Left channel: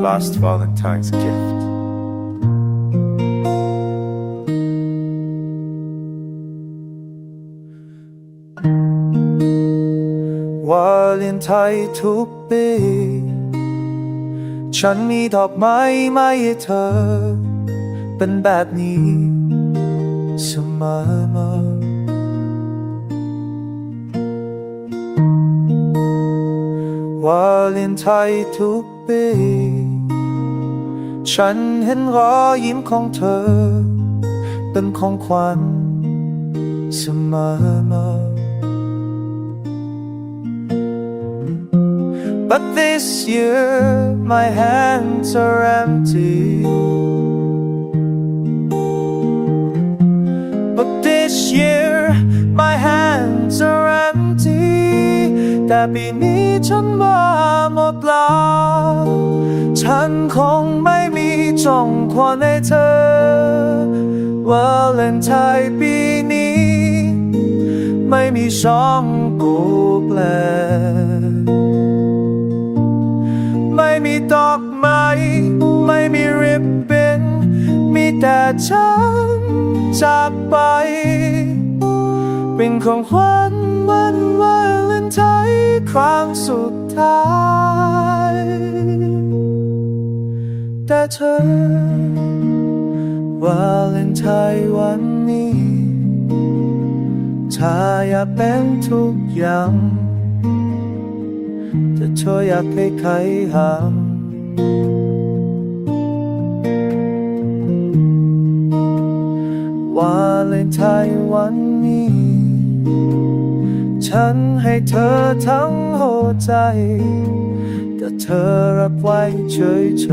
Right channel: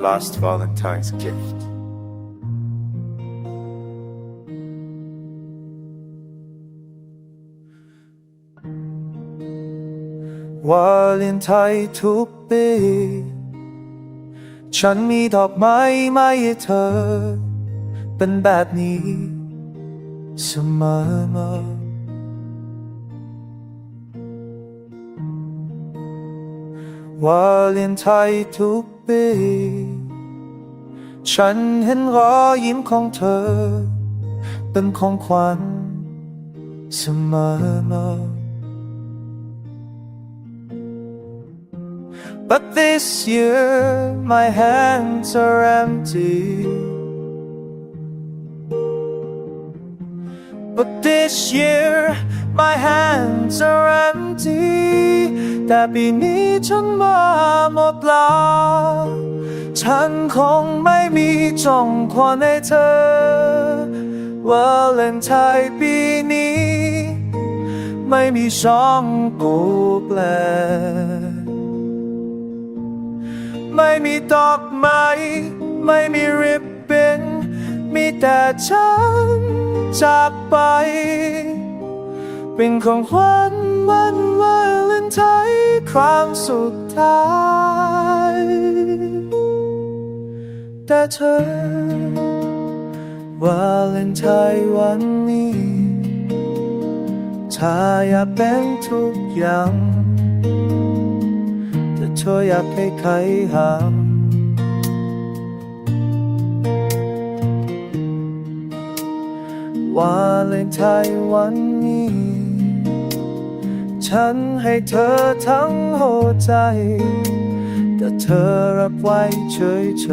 last Valentine's gift. w a l e n t i n e ทุกปีฉันมีดอกไม้มาให้เธอ เป็นแบบนี้เสมอมา วาเลนไทน์ทุกปี ฉันเห็นรอยยิ้มของเธอ เป็นของขวัญเสมอมา But this year my hands are empty. But this year my hands are empty แต่ปีนี้ฉันมาหมดลาฉันคงไม่มีจองขวัญให้เธอวาเลนไทน์ปีนี้ ไม่มีช่องกูแปล ไม่มีดอกไม้ไม่มีริบบิ้นมีแต่ฉันจากไป เป็นของขวัญ วันวาเลนไทน์ครั้งสุดท้าย แต่เธอวาเลนไทน์วันนี้ถ้าอยากเป็นทุกอย่างแต่เธออยากให้ใครห้ามวาเลนไทน์วันนี้ ฉันให้เธอทั้งหัวใจ แต่เธอรับไว้เฉยเฉ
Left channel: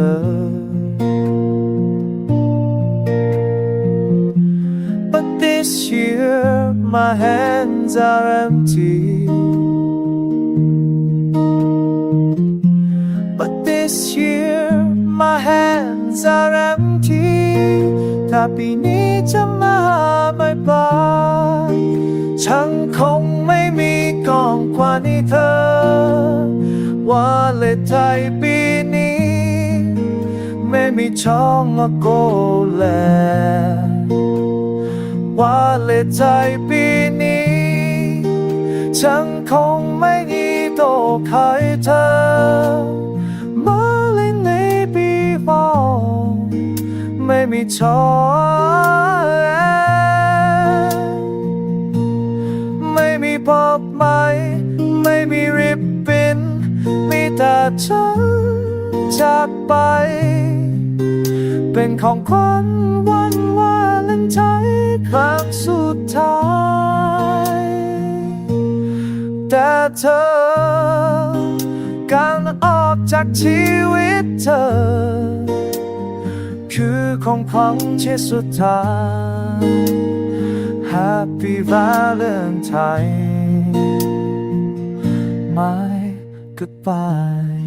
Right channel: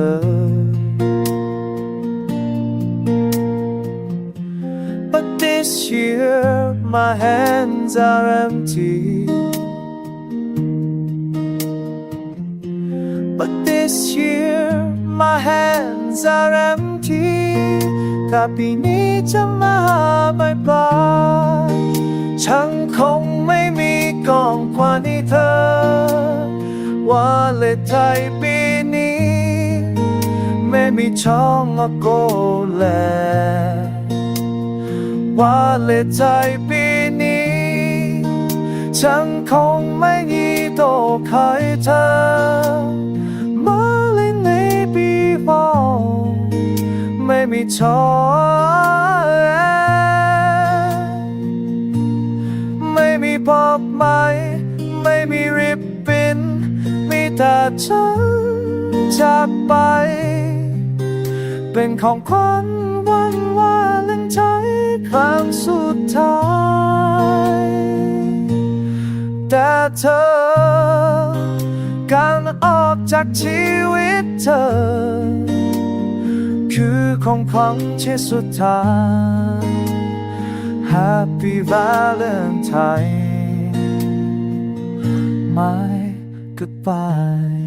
ยๆ But this year my hands are empty But this year my hands are empty ถ้าปีนี้จะมาไม่ปลาย ฉันคงไม่มีกองกว่านี้เธอ ว่าเลนไทน์ปีนี้ ไม่มีช่องโกแลว่าเลนไทน์ปีนี้ ฉันคงไม่ยีโตใครเธอ มาเล่นในปีฟอไม่มีช้อย ปอบไม้ไม่มีริบบิ้น มีแต่ฉันจากไป เป็นของขวัญวันวาเลนไทน์ครั้งสุดท้าย แต่เธอ การออกจากชีวิตเธอ คือของขวัญชิ้นสุดท้าย Happy Valentine My goodbye